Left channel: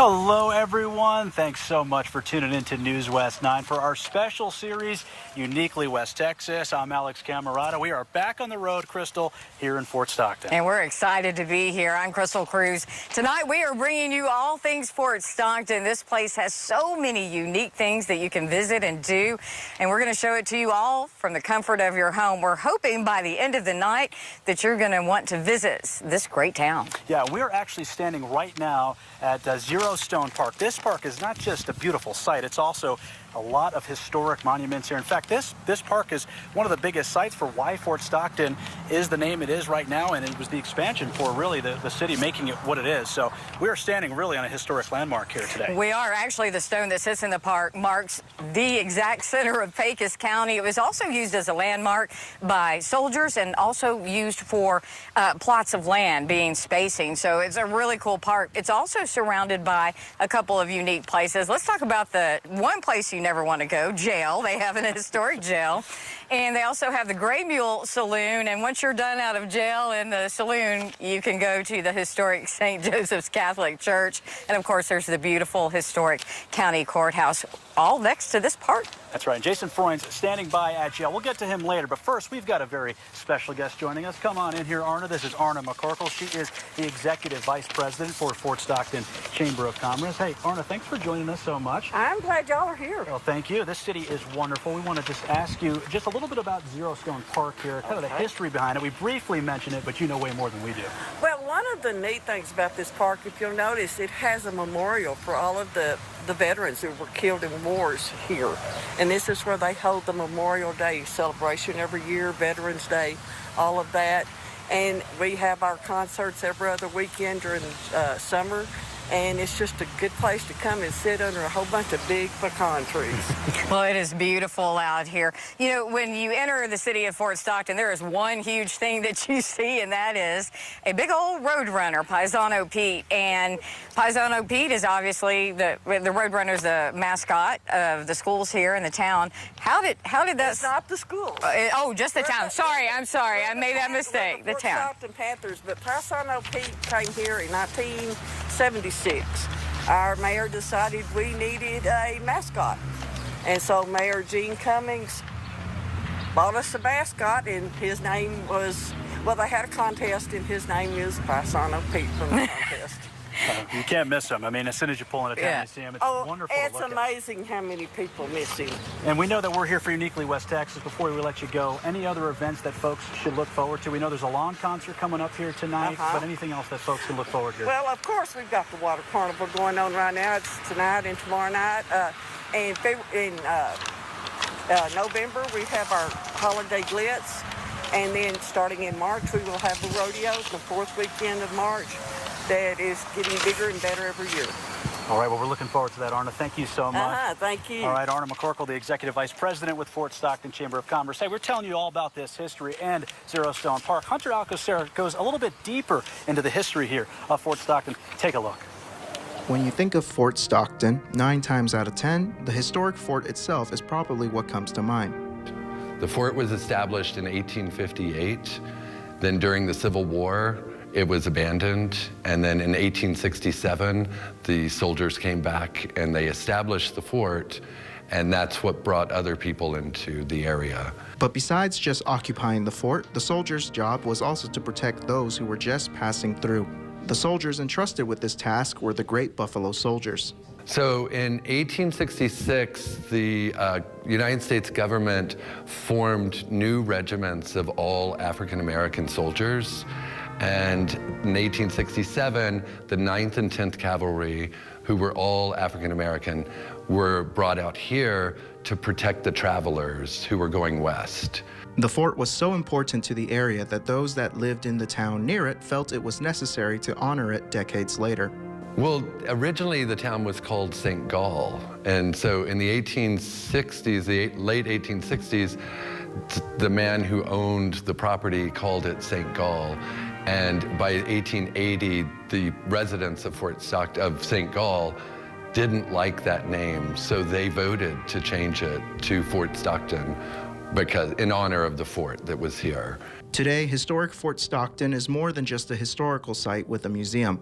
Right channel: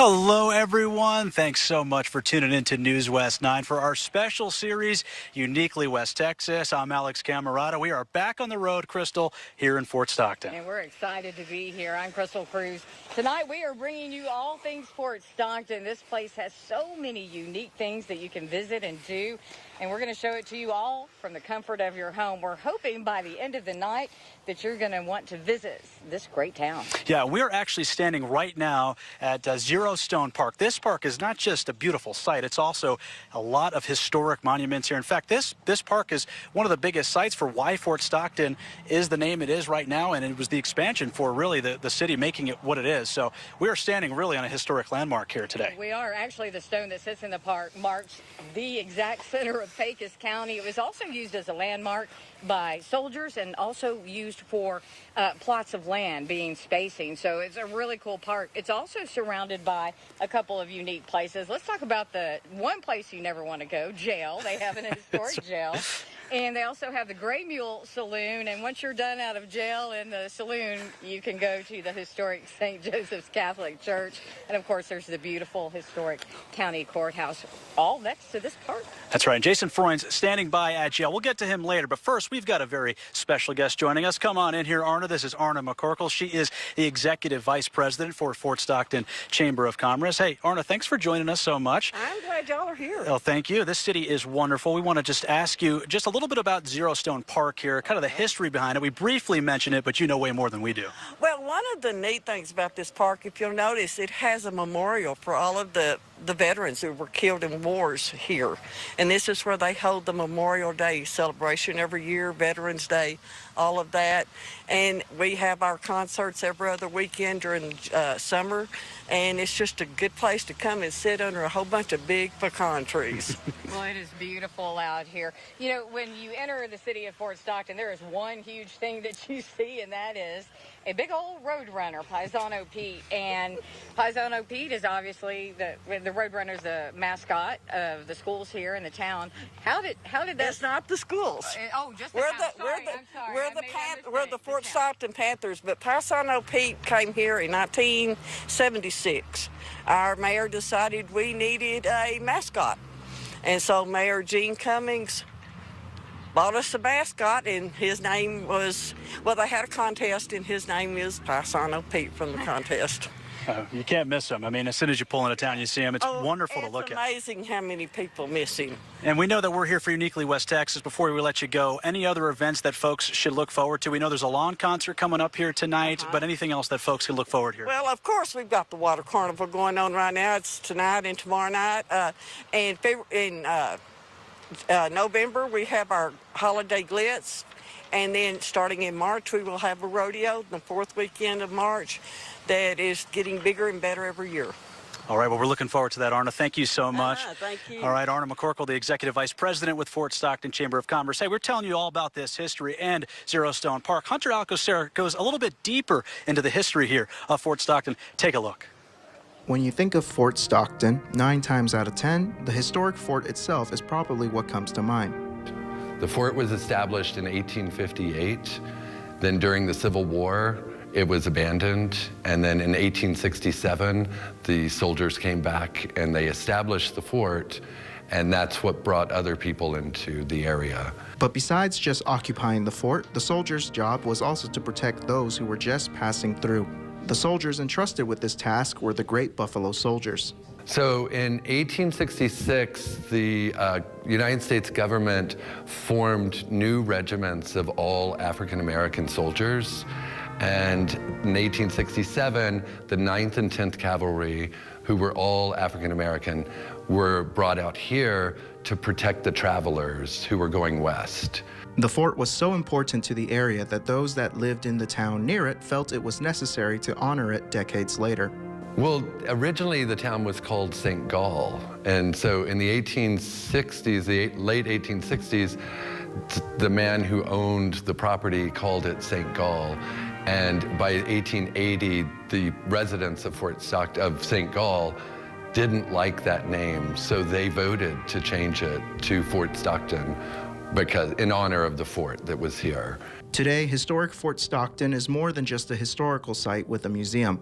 Hello, everyone. Thanks so much for tuning in to News West 9 for our special series, Uniquely West Texas. I'm Alex Camarada. We are back on the road, Crystal, here in Fort Stockton. And we're excited to be here. I'm Crystal Cruz. Tonight, we are bringing you all things Fort Stockton. This place has so many unique things that you can visit and do, and we're going to show it to you all from the comfort of your home. We're hoping by the end of the night that you're going to want to visit this great town. Yeah, we're actually standing right now at Zero Stone Park. This park is not just a beautiful site, it's also a lot of historic monuments here. In fact, this park is one of the biggest sites for why Fort Stockton is the name it is right now, and it was the expansion for really the city making it what it is. So we are standing really on a historic landmark here today. We are. Actually, the stone that sits in the park marks the exact center of Pecos County. It was also used as a landmark by soldiers and also used for plots of land being spacing. So it's a really cool park. It's also surrounded by a couple of unique places. Let's talk about the one place you never want to go, jail. They have an historic jail. And they also have the Gray Mule Saloon, and once you're done out of jail in the saloon, you can go to the historic St. Joseph's Catholic Church. And, of course, there's the beautiful historic county courthouse all next to this park. That's right. Jason Freund's standing by at jail. We'll get to him later, but first, we've got a very special guest joining us. Come on in here, Arna. This is Arna McCorkle. She is the Executive Vice President for Fort Stockton Chamber of Commerce. Hey, Arna, thanks for joining us so much. I'm glad y'all are here. Well, thank you. This city is wonderful. We want to just ask you just a little bit about Zero Stone Park here, kind of the history behind it. We briefly mentioned it, but you know way more than we do. Well, one of the neat things about this park, if you'll notice, it has a memorial for all of the veterans who were killed in wars here. And this is where they hold the Memorial Day celebration every year, Veterans Day, all of that. And we have our concerts every other weekend during summer. And it's just a good place to come and sit under a whole bunch of big pecan trees. Well, it is beautiful out here. You know, when you enter the city of Fort Stockton, there is one huge thing that you see, and that is a big old roadrunner, Paisano Pete. And Paisano Pete is obviously the roadrunner's the mascot of the schools here in the town. How did that? It's not the schools. Oh, just the town. I'm sorry. I made that mistake. The town. Fort Stockton Panthers, but Paisano Pete came here in 1976. Our mayor decided we needed a mascot, and so Mayor Gene Cummings bought us a mascot, and his name was, well, they had a contest, and his name is Paisano Pete from the contest. You can't miss him. I mean, as soon as you pull into town, you see him. It's wonderful to look at. It's amazing how many people miss him. And we know that we're here for Uniquely West Texas. Before we let you go, any other events that folks should look forward to? We know there's a lawn concert coming up here tonight, but anything else that folks can look forward to? Well, of course, we've got the Water Carnival going on right now. It's tonight and tomorrow night. In November, we have our Holiday Glitz. And then starting in March, we will have the rodeo, the fourth weekend of March. That is getting bigger and better every year. All right, well, we're looking forward to that, Arna. Thank you so much. Thank you. All right, Arna McCorkle, the Executive Vice President with Fort Stockton Chamber of Commerce. Hey, we're telling you all about this history and Zero Stone Park. Hunter Alcocer goes a little bit deeper into the history here of Fort Stockton. Take a look. When you think of Fort Stockton, 9 times out of 10, the historic fort itself is probably what comes to mind. The fort was established in 1858. Then during the Civil War, it was abandoned, and then in 1867, the soldiers came back and they established the fort, and that's what brought other people into the area. But besides just occupying the fort, the soldiers' job was also to protect those who were just passing through. The soldiers entrusted with this task were the Great Buffalo Soldiers. So in 1866, the United States government formed new regiments of all African-American soldiers. And in 1867, the 9th and 10th Cavalry, who were all African-American, were brought out here to protect the travelers who were going west. The fort was so important to the area that those that lived in the town near it felt it was necessary to honor it decades later. Well, originally the town was called St. Gall. And so in the 1860s, the late 1860s, the man who owned the property called it St. Gall. And by 1880, the residents of St. Gall didn't like that name, so they voted to change it to Fort Stockton because in honor of the fort that was here. Today, historic Fort Stockton is more than just a historical site with a museum.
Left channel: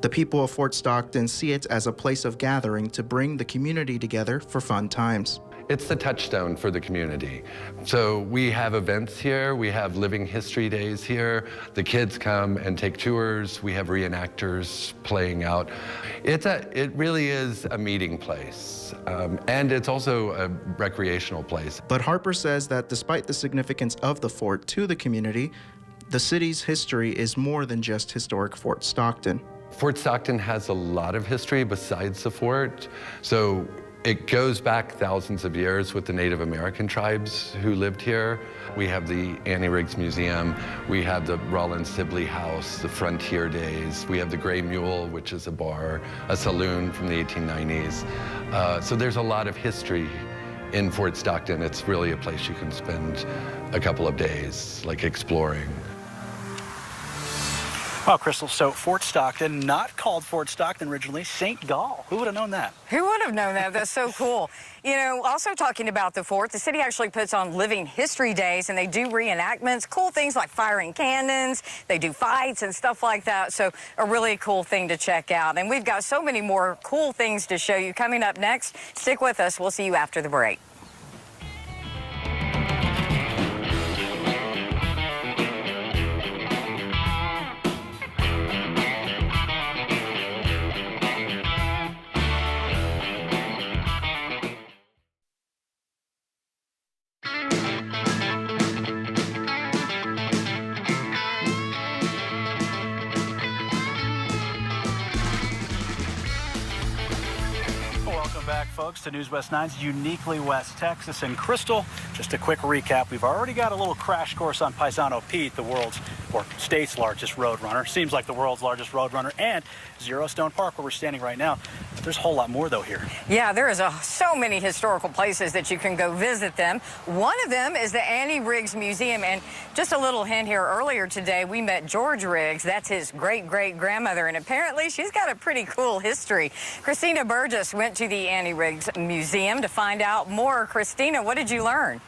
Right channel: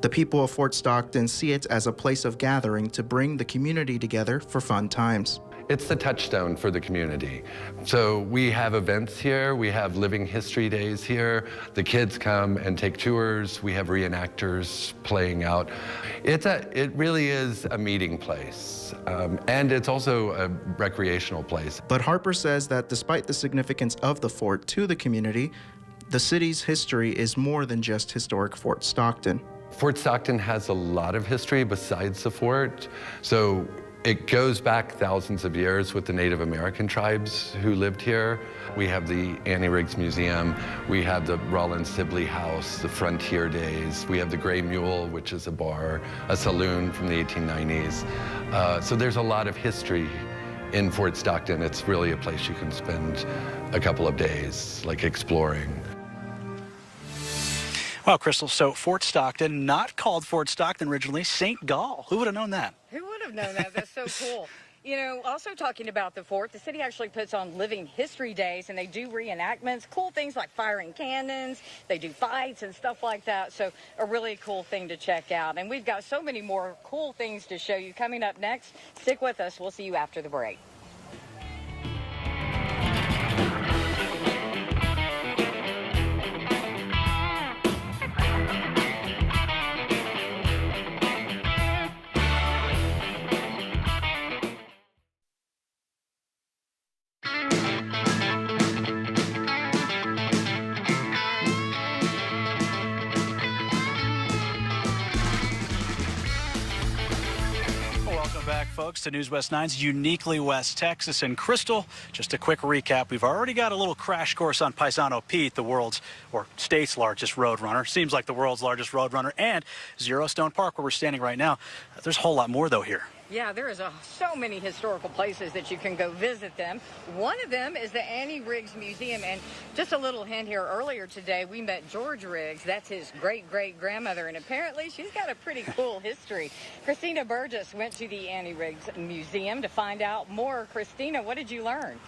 The people of Fort Stockton see it as a place of gathering to bring the community together for fun times. It's the touchstone for the community. So we have events here, we have living history days here, the kids come and take tours, we have reenactors playing out. It really is a meeting place, and it's also a recreational place. But Harper says that despite the significance of the fort to the community, the city's history is more than just historic Fort Stockton. Fort Stockton has a lot of history besides the fort. So it goes back thousands of years with the Native American tribes who lived here. We have the Annie Riggs Museum, we have the Rollins Sibley House, the Frontier Days, we have the Gray Mule, which is a bar, a saloon from the 1890s. So there's a lot of history in Fort Stockton. It's really a place you can spend a couple of days, like exploring. Well, Crystal, so Fort Stockton, not called Fort Stockton originally, St. Gall. Who would have known that? Who would have known that? That's so cool. You know, also talking about the fort, the city actually puts on living history days, and they do reenactments, cool things like firing cannons. They do fights and stuff like that. So a really cool thing to check out. And we've got so many more cool things to show you coming up next. Stick with us. We'll see you after the break. To News West 9's Uniquely West Texas. And Crystal, just a quick recap. We've already got a little crash course on Paisano Pete, the world's or state's largest roadrunner. Seems like the world's largest roadrunner, and Zero Stone Park, where we're standing right now. But there's a whole lot more, though, here. Yeah, there is so many historical places that you can go visit them. One of them is the Annie Riggs Museum. And just a little hint here, earlier today, we met George Riggs. That's his great-great-grandmother, and apparently she's got a pretty cool history. Christina Burgess went to the Annie Riggs Museum to find out more. Christina, what did you learn?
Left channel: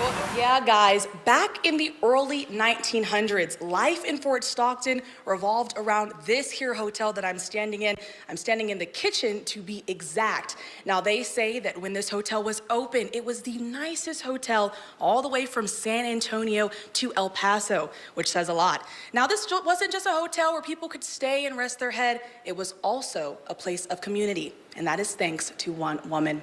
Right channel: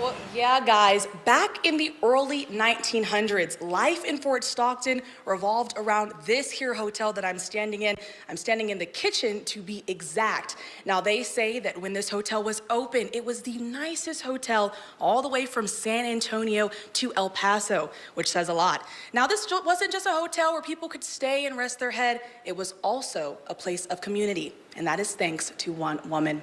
Well, yeah, guys, back in the early 1900s, life in Fort Stockton revolved around this here hotel that I'm standing in. I'm standing in the kitchen, to be exact. Now, they say that when this hotel was open, it was the nicest hotel all the way from San Antonio to El Paso, which says a lot. Now, this wasn't just a hotel where people could stay and rest their head. It was also a place of community, and that is thanks to one woman.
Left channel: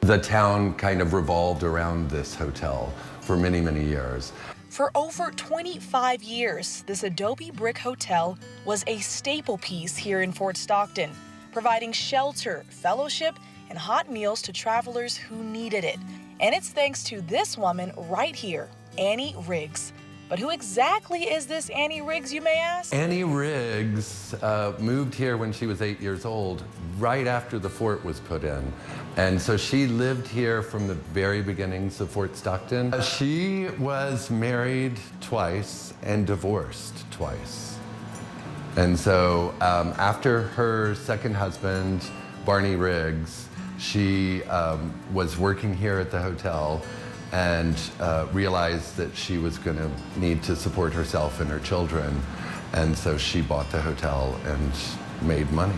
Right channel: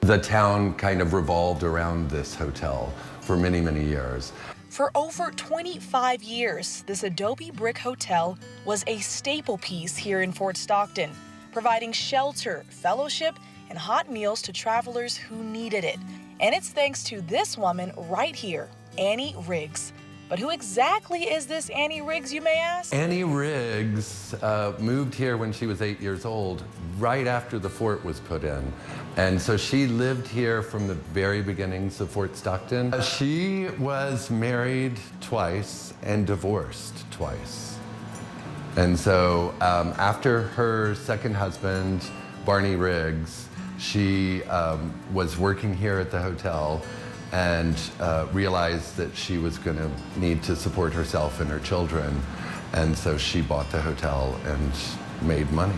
The town kind of revolved around this hotel for many, many years. For over 25 years, this adobe brick hotel was a staple piece here in Fort Stockton, providing shelter, fellowship, and hot meals to travelers who needed it. And it's thanks to this woman right here, Annie Riggs. But who exactly is this Annie Riggs, you may ask? Annie Riggs moved here when she was 8 years old, right after the fort was put in. And so she lived here from the very beginnings of Fort Stockton. She was married twice and divorced twice. And so after her second husband, Barney Riggs, she was working here at the hotel and realized that she was going to need to support herself and her children. And so she bought the hotel and made money.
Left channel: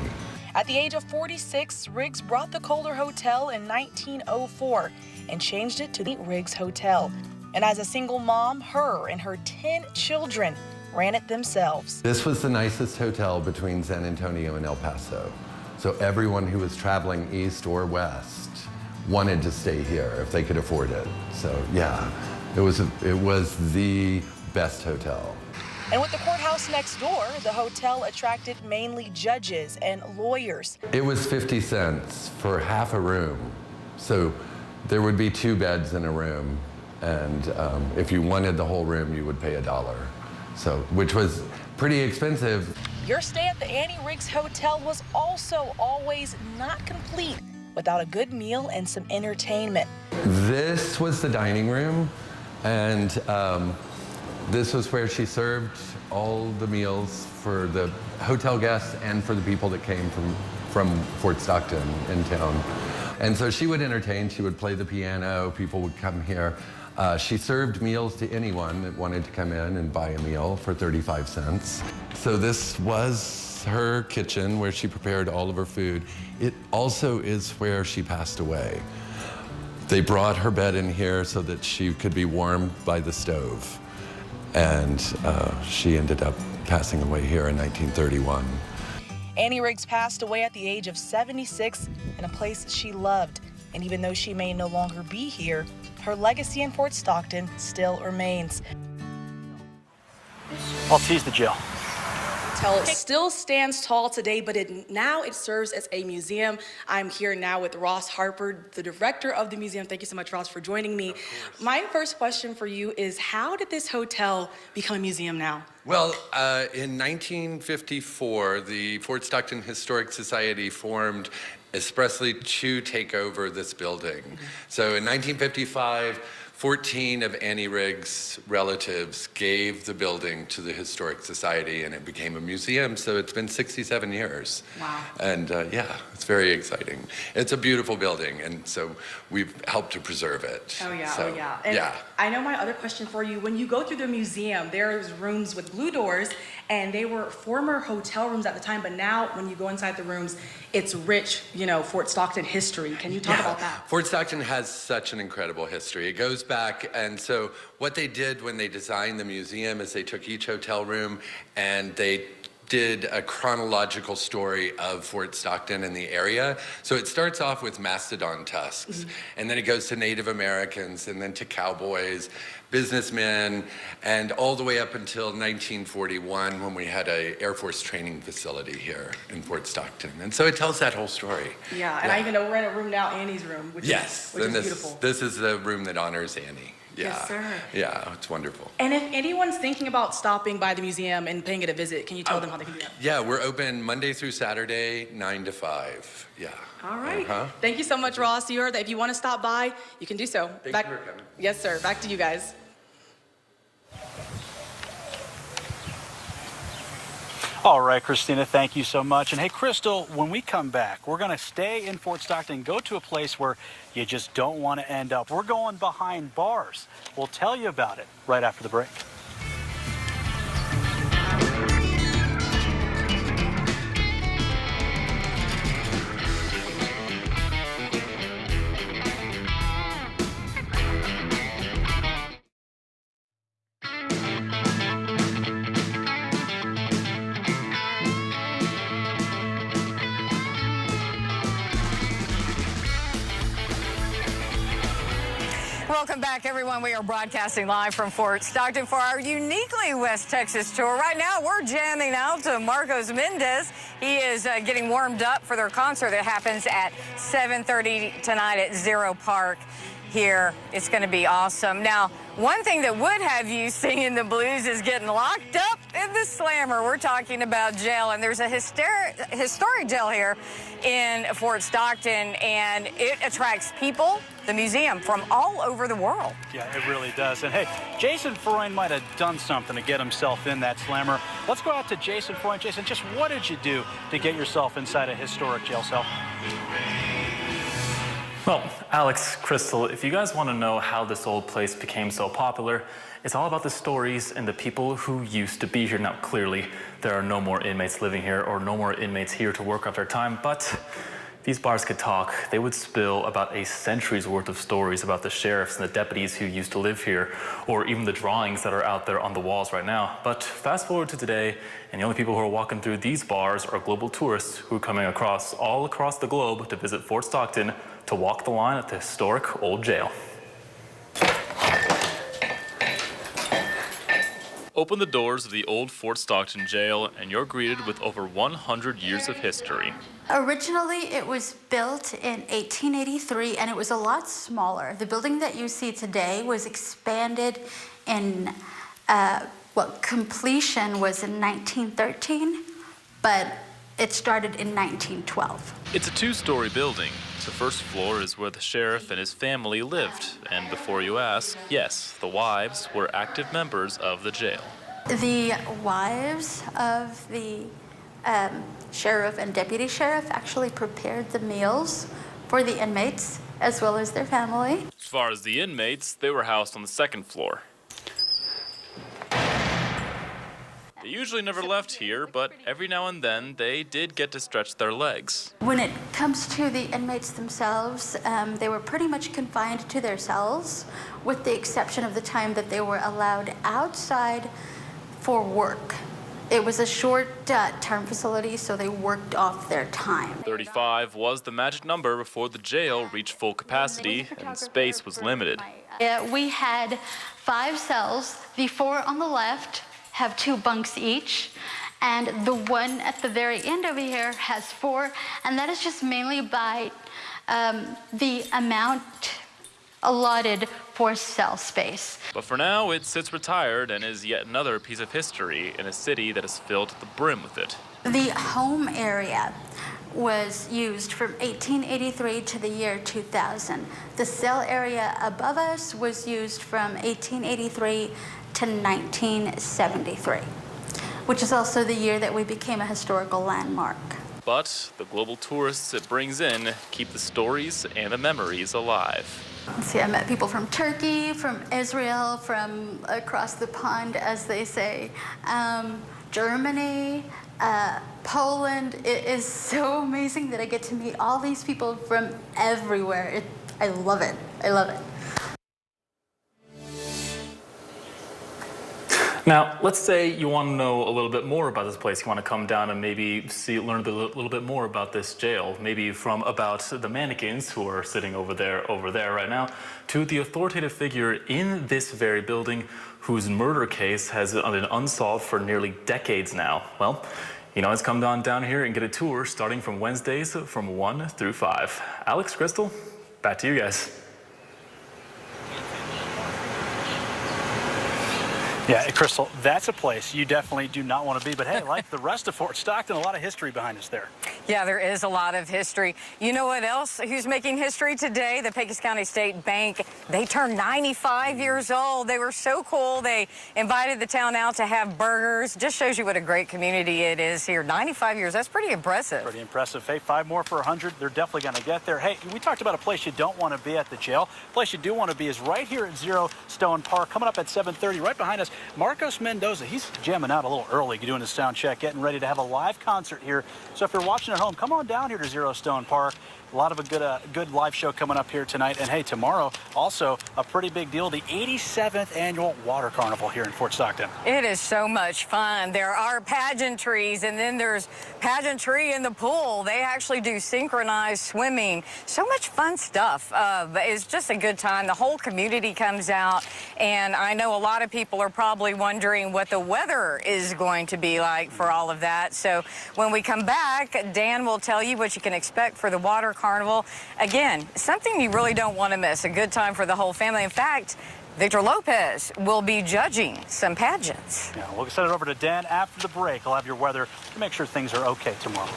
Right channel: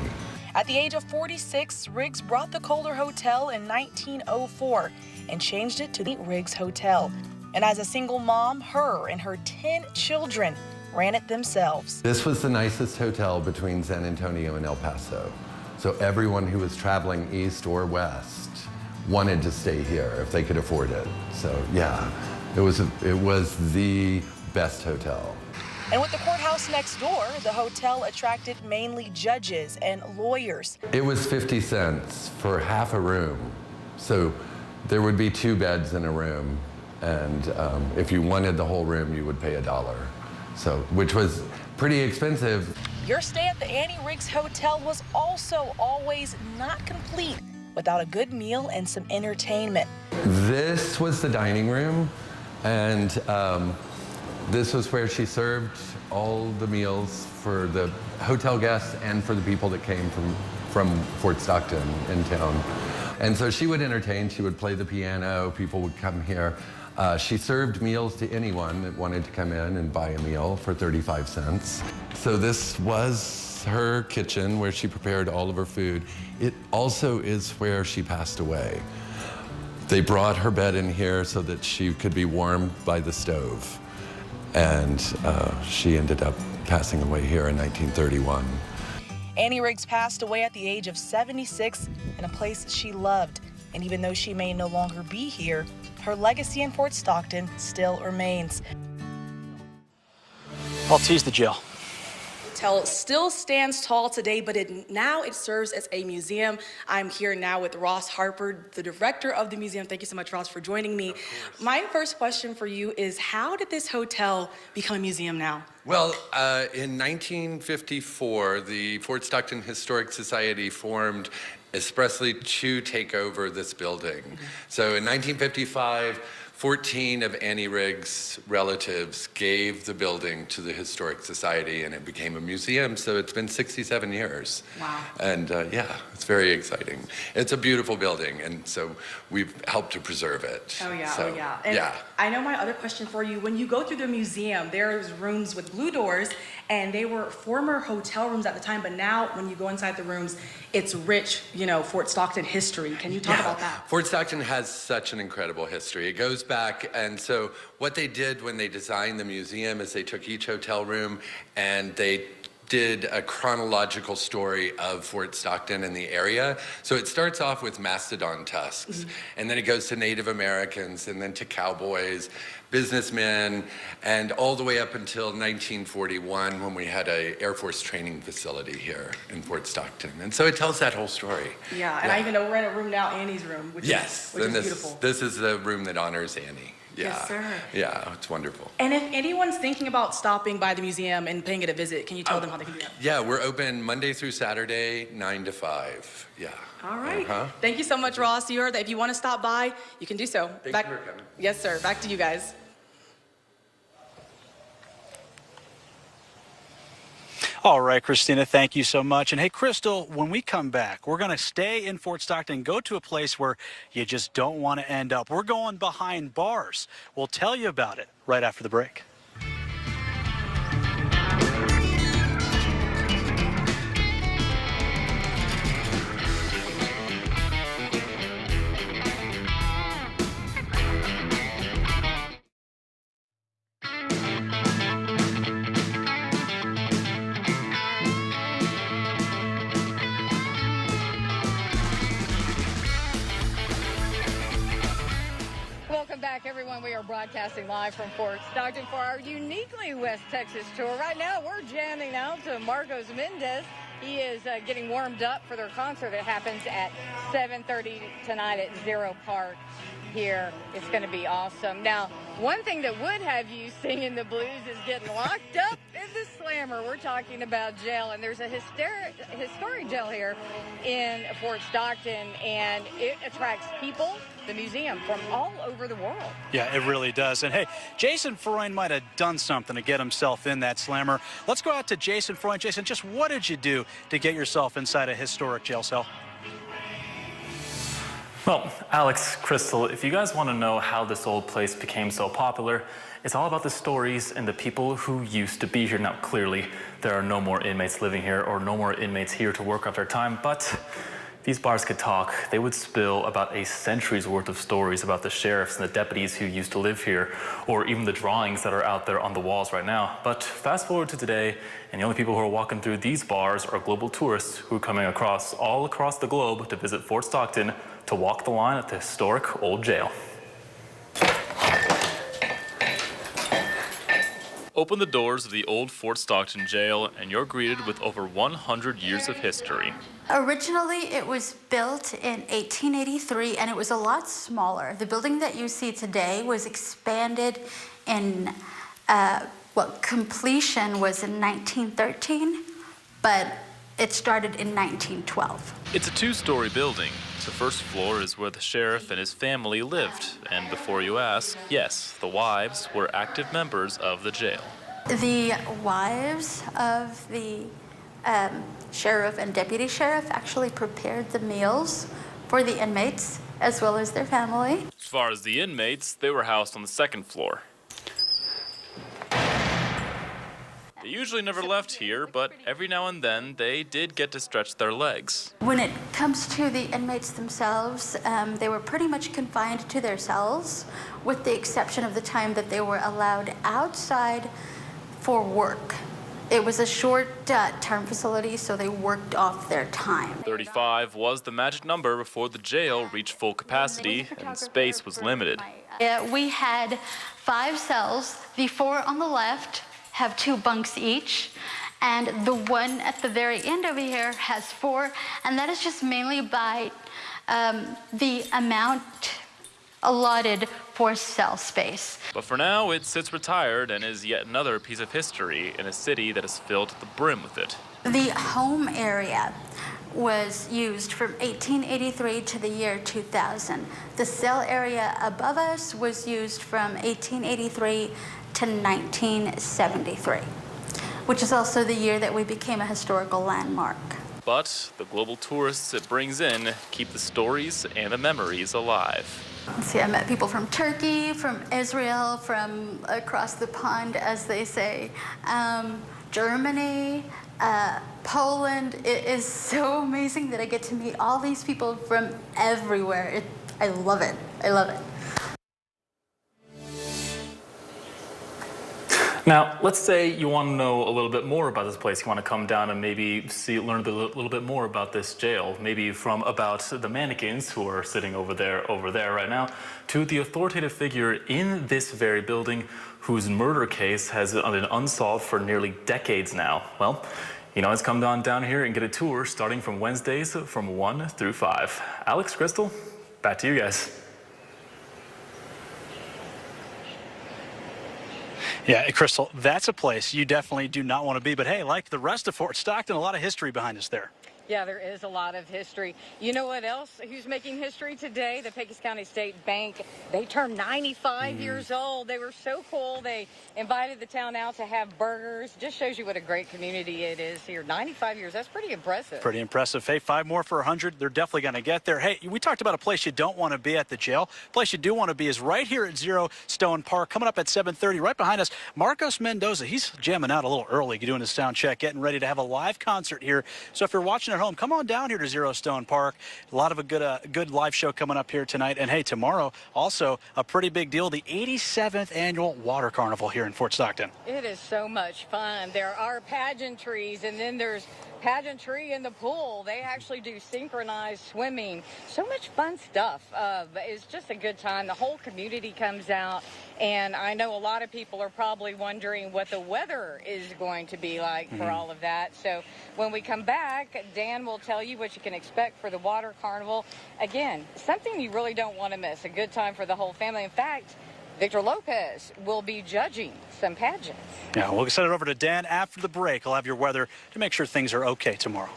At the age of 46, Riggs brought the Kohler Hotel in 1904 and changed it to the Riggs Hotel. And as a single mom, her and her 10 children ran it themselves. This was the nicest hotel between San Antonio and El Paso. So everyone who was traveling east or west wanted to stay here if they could afford it. So yeah, it was the best hotel. And with the courthouse next door, the hotel attracted mainly judges and lawyers. It was 50 cents for half a room. So there would be 2 beds in a room. And if you wanted the whole room, you would pay $1. So, which was pretty expensive. Your stay at the Annie Riggs Hotel was also always not complete without a good meal and some entertainment. This was the dining room, and this was where she served all the meals for the hotel guests and for the people that came from Fort Stockton in town. And so she would entertain, she would play the piano, people would come here. She served meals to anyone that wanted to come in and buy a meal for 35 cents. So this was her kitchen where she prepared all of her food. It also is where she passed away. They brought her bed in here so that she could be warmed by the stove. And she ended up passing away here in 1931. Annie Riggs passed away at the age of 76 in a place she loved. And even though she may no longer be here, her legacy in Fort Stockton still remains. I'll tease the jail. Hotel still stands tall today, but now it serves as a museum. I'm here now with Ross Harper, the director of the museum. Thank you so much, Ross, for joining me. My first question for you is, how did this hotel become a museum now? Well, in 1954, the Fort Stockton Historic Society formed expressly to take over this building. So in 1955, 14 of Annie Riggs' relatives gave the building to the Historic Society, and it became a museum, so it's been 67 years. Wow. And yeah, it's very exciting. It's a beautiful building, and so we've helped to preserve it. Oh yeah, so, oh yeah. And yeah. I know my other question for you, when you go through the museum, there's rooms with blue doors, and they were former hotel rooms at the time, but now when you go inside the rooms, it's rich, you know, Fort Stockton history. Can you talk about that? Fort Stockton has such an incredible history. It goes back, and so what they did when they designed the museum is they took each hotel room and they did a chronological story of Fort Stockton and the area. So it starts off with mastodon tusks, and then it goes to Native Americans, and then to cowboys, businessmen, and all the way up until 1941 when we had an Air Force training facility here in Fort Stockton. And so it tells that whole story. Yeah, and I even know we're in a room now, Annie's room, which is beautiful. This is the room that honors Annie. Yeah. Yes, sir. Yeah, it's wonderful. And if anyone's thinking about stopping by the museum and paying it a visit, can you tell them how they can do that? Yeah, we're open Monday through Saturday, 9 to 5. Yeah. All right. Thank you so much, Ross. You heard that if you want to stop by, you can do so. Thank you for coming. Yes, sir. Back to you guys. All right, Christina, thank you so much. And hey, Crystal, when we come back, we're going to stay in Fort Stockton, go to a place where you just don't want to end up. We're going behind bars. We'll tell you about it right after the break. Welcome back, everyone. We are broadcasting live from Fort Stockton for our uniquely West Texas tour. Right now, we're jamming out to Marcos Mendez. He is getting warmed up for their concert that happens at 7:30 tonight at Zero Park here. It's going to be awesome. Now, one thing that would have you singing the blues is getting locked up in the slammer. We're talking about jail, and there's a historic jail here in Fort Stockton, and it attracts people, the museum, from all over the world. Yeah, it really does. And hey, Jason Freund might have done something to get himself in that slammer. Let's go out to Jason Freund. Jason, just what did you do to get yourself inside a historic jail cell? Well, Alex, Crystal, if you guys want to know how this old place became so popular, it's all about the stories and the people who used to be here. Now, clearly, there are no more inmates living here or no more inmates here to work off their time, but these bars could talk. They would spill about a century's worth of stories about the sheriffs and the deputies who used to live here, or even the drawings that are out there on the walls right now. But fast forward to today, and the only people who are walking through these bars are global tourists who are coming all across the globe to visit Fort Stockton to walk the line at the historic old jail. Open the doors of the old Fort Stockton jail, and you're greeted with over 100 years of history. Originally, it was built in 1883, and it was a lot smaller. The building that you see today was expanded in, completion was in 1913, but it started in 1912. It's a two-story building. The first floor is where the sheriff and his family lived. And before you ask, yes, the wives were active members of the jail. The wives of the sheriff and deputy sheriff actually prepared the meals for the inmates as well as their family. As far as the inmates, they were housed on the second floor. They usually never left here, but every now and then they did get to stretch their legs. When it comes to the inmates themselves, they were pretty much confined to their cells, with the exception of the time that they were allowed outside for work. It was a short-term facility, so they worked off their time. 35 was the magic number before the jail reached full capacity and space was limited. We had 5 cells. The 4 on the left have 2 bunks each, and the one at the very end over here has 4, and that is just mainly by the amount allotted for cell space. But for now, it sits retired and is yet another piece of history in a city that is filled to the brim with it. The home area was used from 1883 to the year 2000. The cell area above us was used from 1883 to 1973, which is also the year that we became a historical landmark. But the global tourists it brings in keep the stories and the memories alive. See, I met people from Turkey, from Israel, from across the pond, as they say, Germany, Poland. It is so amazing that I get to meet all these people from everywhere. I love it. I love it. Now, let's say you want to know a little bit more about this place. You want to come down and maybe learn a little bit more about this jail, maybe from about the mannequins who are sitting over there right now, to the authoritative figure in this very building whose murder case has been unsolved for nearly decades now. Well, you know, let's come on down here and get a tour starting from Wednesdays from 1 through 5. Alex, Crystal, back to you guys. Yeah, Crystal, that's a place you definitely do not want to be. But hey, like the rest of Fort Stockton, a lot of history behind us there. Yeah, there is a lot of history. You know what else? Who's making history today? The Pecos County State Bank. They turned 95 years old. They were so cool. They invited the town out to have burgers. Just shows you what a great community it is here. 95 years. That's pretty impressive. Pretty impressive. Hey, 5 more for 100. They're definitely going to get there. Hey, we talked about a place you don't want to be at the jail. A place you do want to be is right here at Zero Stone Park, coming up at 7:30. Right behind us, Marcos Mendoza. He's jamming out a little early, doing his sound check, getting ready to have a live concert here. So if you're watching at home, come on down here to Zero Stone Park. A lot of a good live show coming up here tonight. And hey, tomorrow, also a pretty big deal, the 87th annual Water Carnival here in Fort Stockton. It is so much fun. There are pageantries, and then there's pageantry in the pool. They actually do synchronized swimming. So much fun stuff. But it's just a good time. The whole community comes out, and I know a lot of people are probably wondering what the weather is going to be like for all of that. So when we come back, Dan will tell you what you can expect for the Water Carnival. Again, something you really don't want to miss. A good time for the whole family. In fact, Victor Lopez will be judging some pageants. Yeah, we'll send it over to Dan after the break. I'll have your weather to make sure things are okay tomorrow.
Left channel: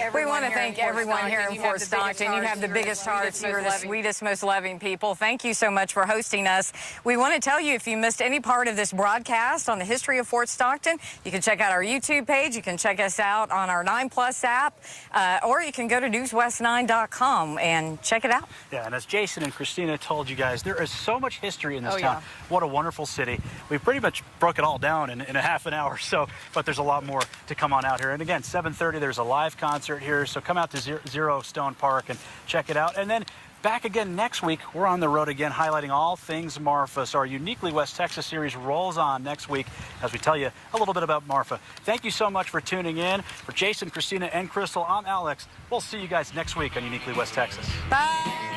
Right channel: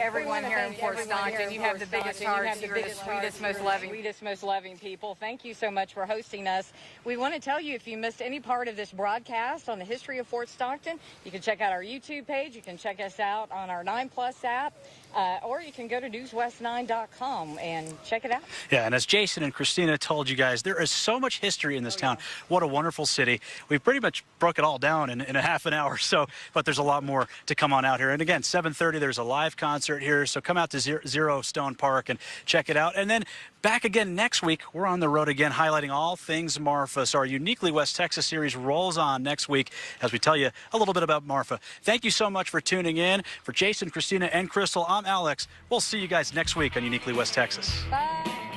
Everyone here in Fort Stockton, you have the biggest hearts, sweetest, most loving people. Thank you so much for hosting us. We want to tell you, if you missed any part of this broadcast on the history of Fort Stockton, you can check out our YouTube page. You can check us out on our 9+ app, or you can go to newswest9.com and check it out. Yeah, and as Jason and Christina told you guys, there is so much history in this town. Yeah. What a wonderful city. We've pretty much broke it all down in a half an hour, but there's a lot more to come on out here. And again, 7:30, there's a live concert here, so come out to Zero Stone Park and check it out. And then back again next week. We're on the road again, highlighting all things Marfa. So our Uniquely West Texas series rolls on next week as we tell you a little bit about Marfa. Thank you so much for tuning in. For Jason, Christina, and Crystal, I'm Alex. We'll see you guys next week on Uniquely West Texas. Bye.